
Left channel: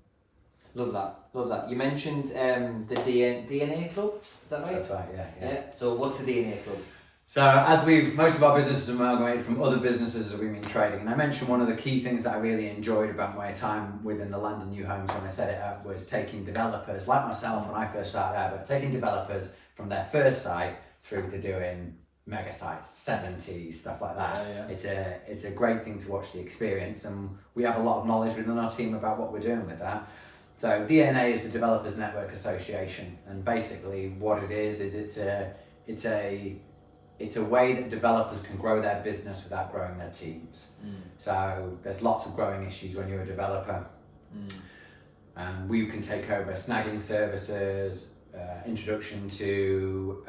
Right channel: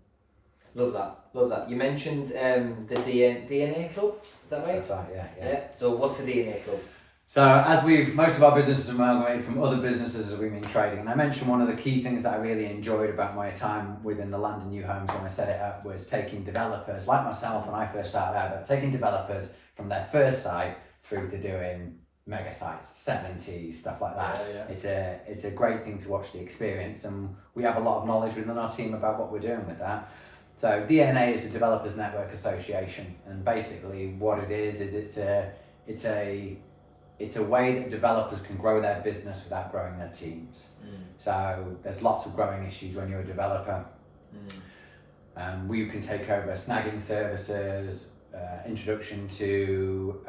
Love that. You mentioned the DNA Club, is that right? That's right, yeah. So what's the DNA Club? So as most of our businesses are amalgamated from other businesses as we've been trading, and I mentioned one of the key things that I really enjoyed about my time within the Land and New Homes when I set it up was taking developers, like myself when I first started out, but taking developers from their first site through to doing mega sites, 70s, stuff like that. It's a great thing to watch the experience, and we have a lot of knowledge within our team about what we're doing with that. So DNA is the Developers Network Association, and basically what it is it's a it's a way that developers can grow their business without growing their teams. So there's lots of growing issues when you're a developer. We can take over snagging services, introduction to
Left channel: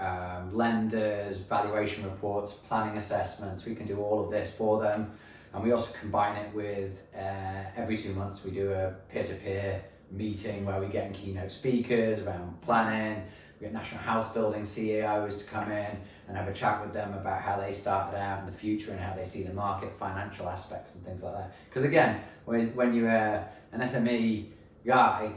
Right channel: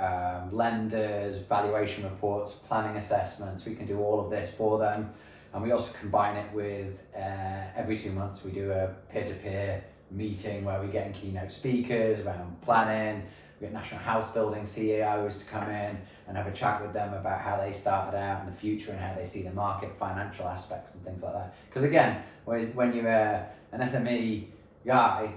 lenders, valuation reports, planning assessments. We can do all of this for them. And we also combine it with every 2 months we do a peer-to-peer meeting where we get in keynote speakers around planning. We get national house building CEOs to come in and have a chat with them about how they started out in the future and how they see the market, financial aspects and things like that. Because again, when you're an SME guy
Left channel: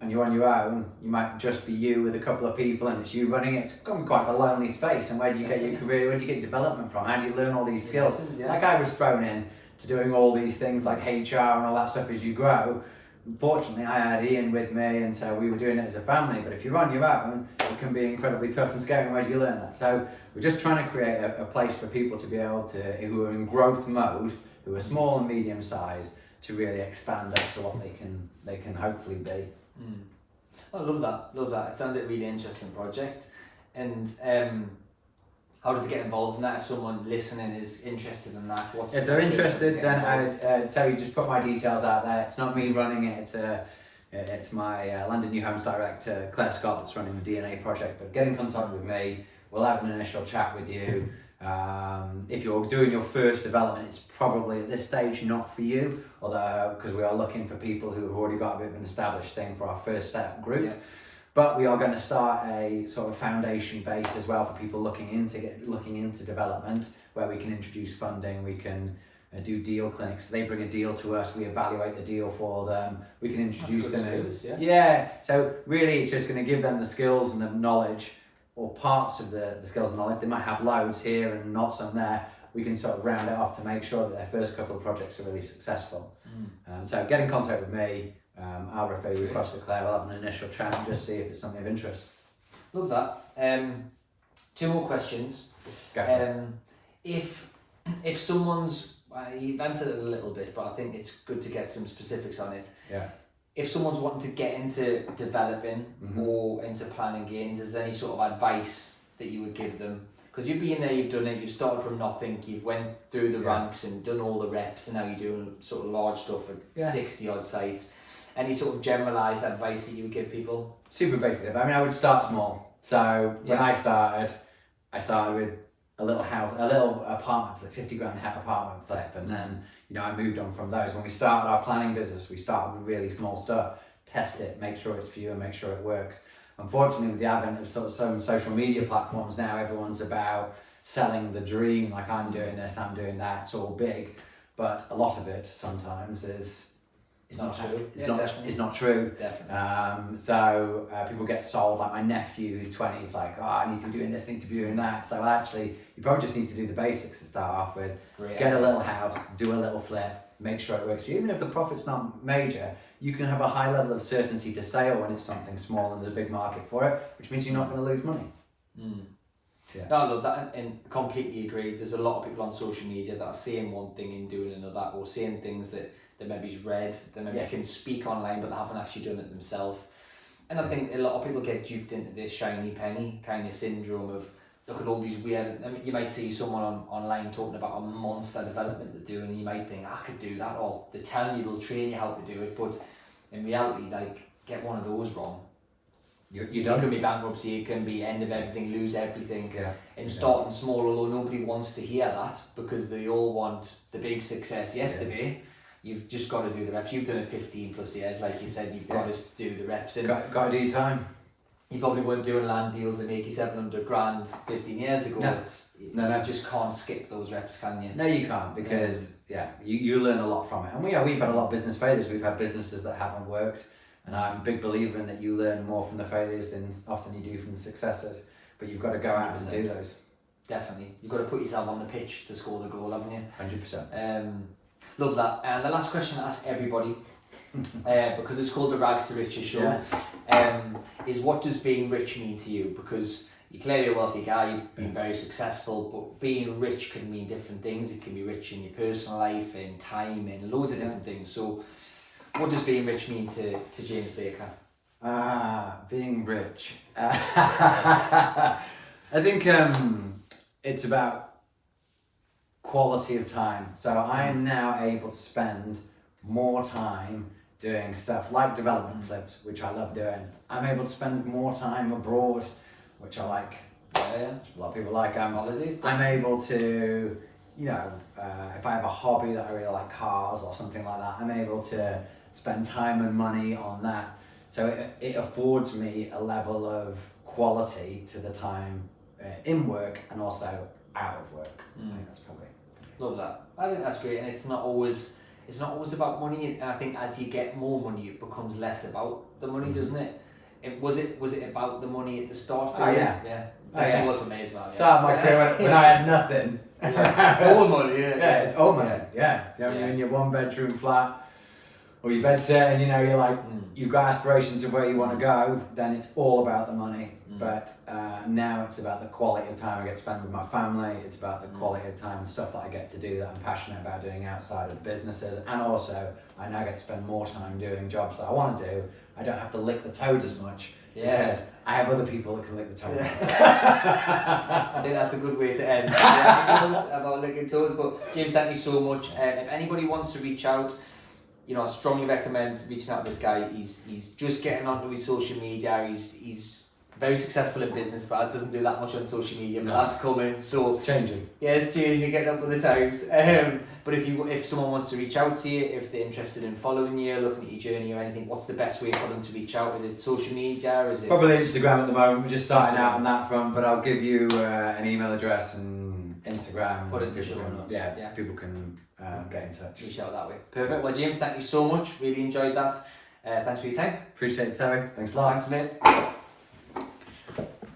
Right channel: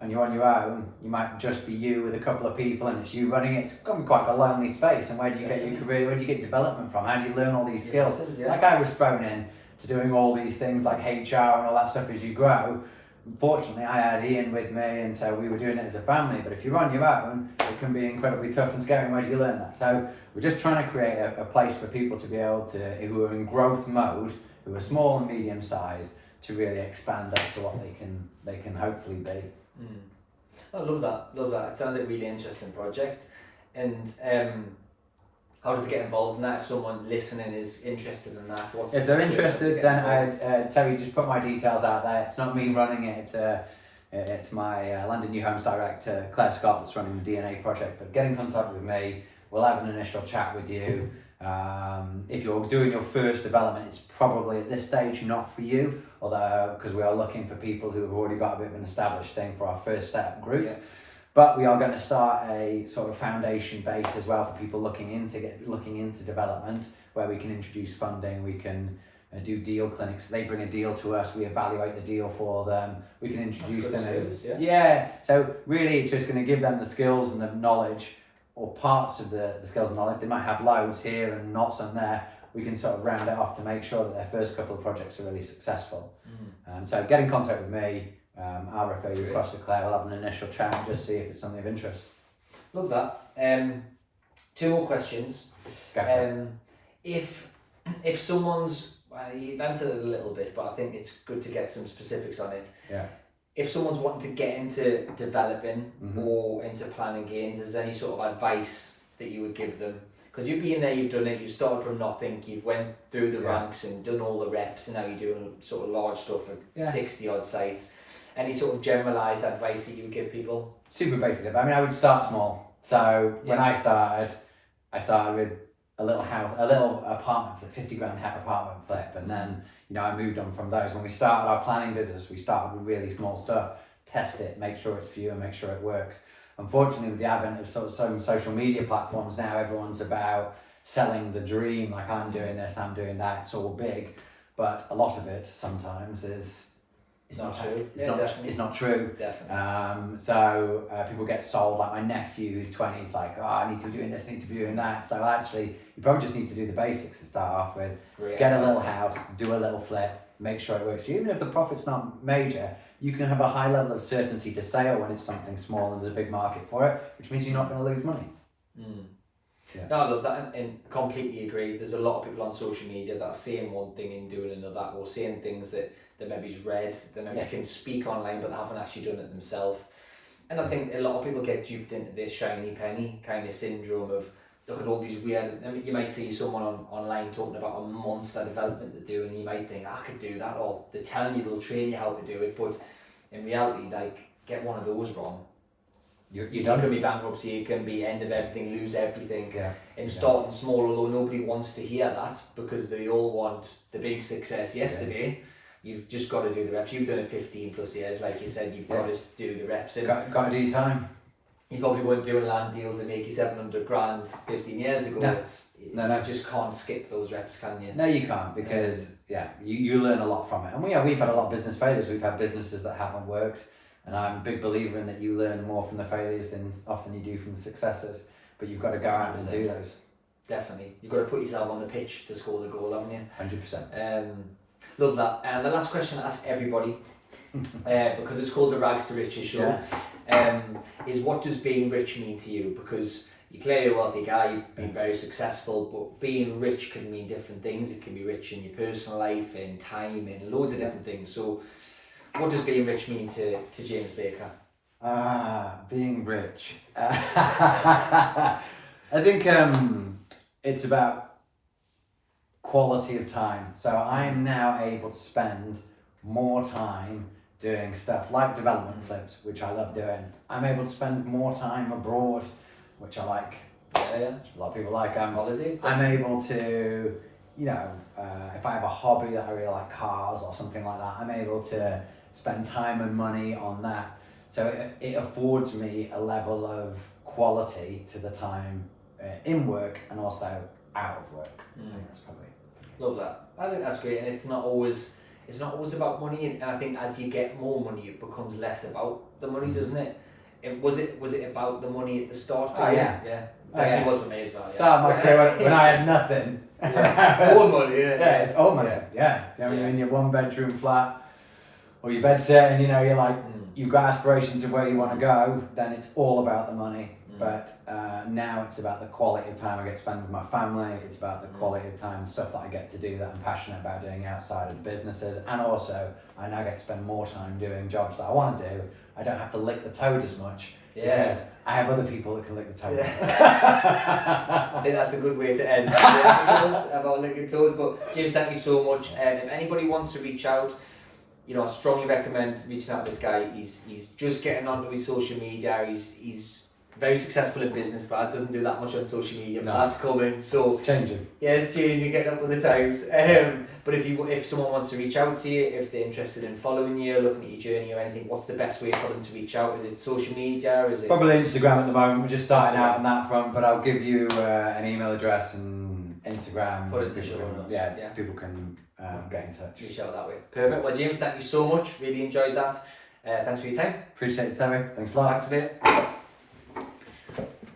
and you're on your own, you might just be you with a couple of people and it's you running it. It's become quite a lonely space. And where do you get your career? Where do you get development from? How do you learn all these skills? Like I was thrown in to doing all these things like HR and all that stuff as you grow. Fortunately, I had Ian with me, and so we were doing it as a family. But if you're on your own, it can be incredibly tough and scary. And where do you learn that? So we're just trying to create a place for people to be able to, who are in growth mode, who are small and medium sized, to really expand up to what they can hopefully be. I love that. It sounds like a really interesting project. And how do they get involved in that? If someone listening is interested in that, if they're interested, then Terry, just put my details out there. It's not me running it. It's my London New Homes director, Claire Scott, that's running the DNA project. But get in contact with me. We'll have an initial chat with you. If you're doing your first development, it's probably at this stage not for you, although because we are looking for people who have already got a bit of an established thing for our first setup group. Yeah. But we are going to start a sort of foundation base as well for people looking into development, where we can introduce funding, we can do deal clinics. They bring a deal to us, we evaluate the deal for them, we can introduce them. Service, So really it's just going to give them the skills and the knowledge, or parts of the skills and knowledge. They might have loads here and not some there. We can sort of round it off to make sure that their first couple of projects are really successful. So get in contact with me. I'll refer you across to Claire. We'll have an initial chat and just see if it's something of interest. Love that. 2 more questions. If someone's, you've answered it a little bit, but I think it's good to get some specifics on it. Yeah. If someone's wanting to get into developing or into planning games, is there any sort of advice that you would give them? Because you've been there, you've done it, you started from nothing, you've went through the ranks and done all the reps, and now you're doing sort of large stuff at 60 odd sites. Any sort of generalised advice that you would give people? Super basic. I mean, I would start small. So when I started with a little house, a little apartment flip, 50 grand apartment flip, and then I moved on from those. When we started our planning business, we started with really small stuff, test it, make sure it's for you, and make sure it works. Unfortunately, with the advent of sort of some social media platforms now, everyone's about selling the dream. Like, I'm doing this, I'm doing that. It's all big, but a lot of it sometimes is. It's not true. It's not true. Definitely. So people get sold. Like my nephew, who's 20, is like, I need to be doing this, need to be doing that. So actually, you probably just need to do the basics to start off with. Get a little house, do a little flip, make sure it works for you. Even if the profit's not major, you can have a high level of certainty to sale when it's something small and there's a big market for it, which means you're not going to lose money. Yeah. No, I love that and completely agree. There's a lot of people on social media that are saying one thing and doing another, or saying things that maybe's read, that maybe can speak online, but they haven't actually done it themselves. And I think a lot of people get duped into this shiny penny kind of syndrome of, look at all these weird, I mean, you might see someone online talking about a monster development they're doing, and you might think, I could do that, or they're telling you they'll train you how to do it, but in reality, like, get one of those wrong. You can be bankruptcy, you can be end of everything, lose everything, and starting small, although nobody wants to hear that, because they all want the big success yesterday. You've just got to do the reps. You've done it 15 plus years, like you said, you've got to do the reps. And got to do your time. You probably weren't doing land deals that make you 700 grand 15 years ago. No. You just can't skip those reps, can you? No, you can't, because you learn a lot from it. And we've had a lot of business failures. We've had businesses that haven't worked, and I'm a big believer in that you learn more from the failures than often you do from the successes. But you've got to go out and do those. Definitely. You've got to put yourself on the pitch to score the goal, haven't you? 100%. Love that. And the last question I ask everybody, because it's called the Rags to Riches show, is what does being rich mean to you? Because you're clearly a wealthy guy, you've been very successful, but being rich can mean different things. It can be rich in your personal life, in time, in loads of different things. So what does being rich mean to James Baker? Being rich. I think it's about quality of time. So I'm now able to spend more time doing stuff like development flips, which I love doing. I'm able to spend more time abroad, which I like. Yeah. A lot of people like. Holidays. I'm able to, you know, if I have a hobby that I really like, cars or something like that, I'm able to spend time and money on that. So it affords me a level of quality to the time in work and also out of work. I think that's probably. Love that. I think that's great, and it's not always about money. And I think as you get more money, it becomes less about the money, doesn't it? Was it about the money at the start for Oh, you? yeah. Yeah. Oh, Definitely yeah. was for me as well. Start my career when I had nothing. Yeah. It's all money, yeah. Yeah, it's all money. Yeah. You know, when you're in your 1-bedroom flat or your bed set and you know you're like you've got aspirations of where you want to go, then it's all about the money. But now it's about the quality of time I get to spend with my family. It's about the quality of time and stuff that I get to do that I'm passionate about doing outside of the businesses. And also, I now get to spend more time doing jobs that I want to do. I don't have to lick the toad as much. Yeah. Because I have other people that can lick the toad. Yeah. I think that's a good way to end the episode about licking toes. But James, thank you so much. If anybody wants to reach out, you know, I strongly recommend reaching out to this guy. He's just getting onto his social media. He's very successful in business, but doesn't do that much on social media. But that's coming. So It's changing. Yeah, it's changing, getting up with the times. But if someone wants to reach out to you, if they're interested in following you, looking at your journey or anything, what's the best way for them to reach out? Is it social media? Is it Probably Instagram at the moment. We're just starting out on that front, but I'll give you an email address and Instagram. Put it in the show notes. Yeah, people can get in touch. Reach out that way. Perfect. Well, James, thank you so much. Really enjoyed that. Thanks for your time. Appreciate it, Terry. Thanks a lot. Thanks, mate.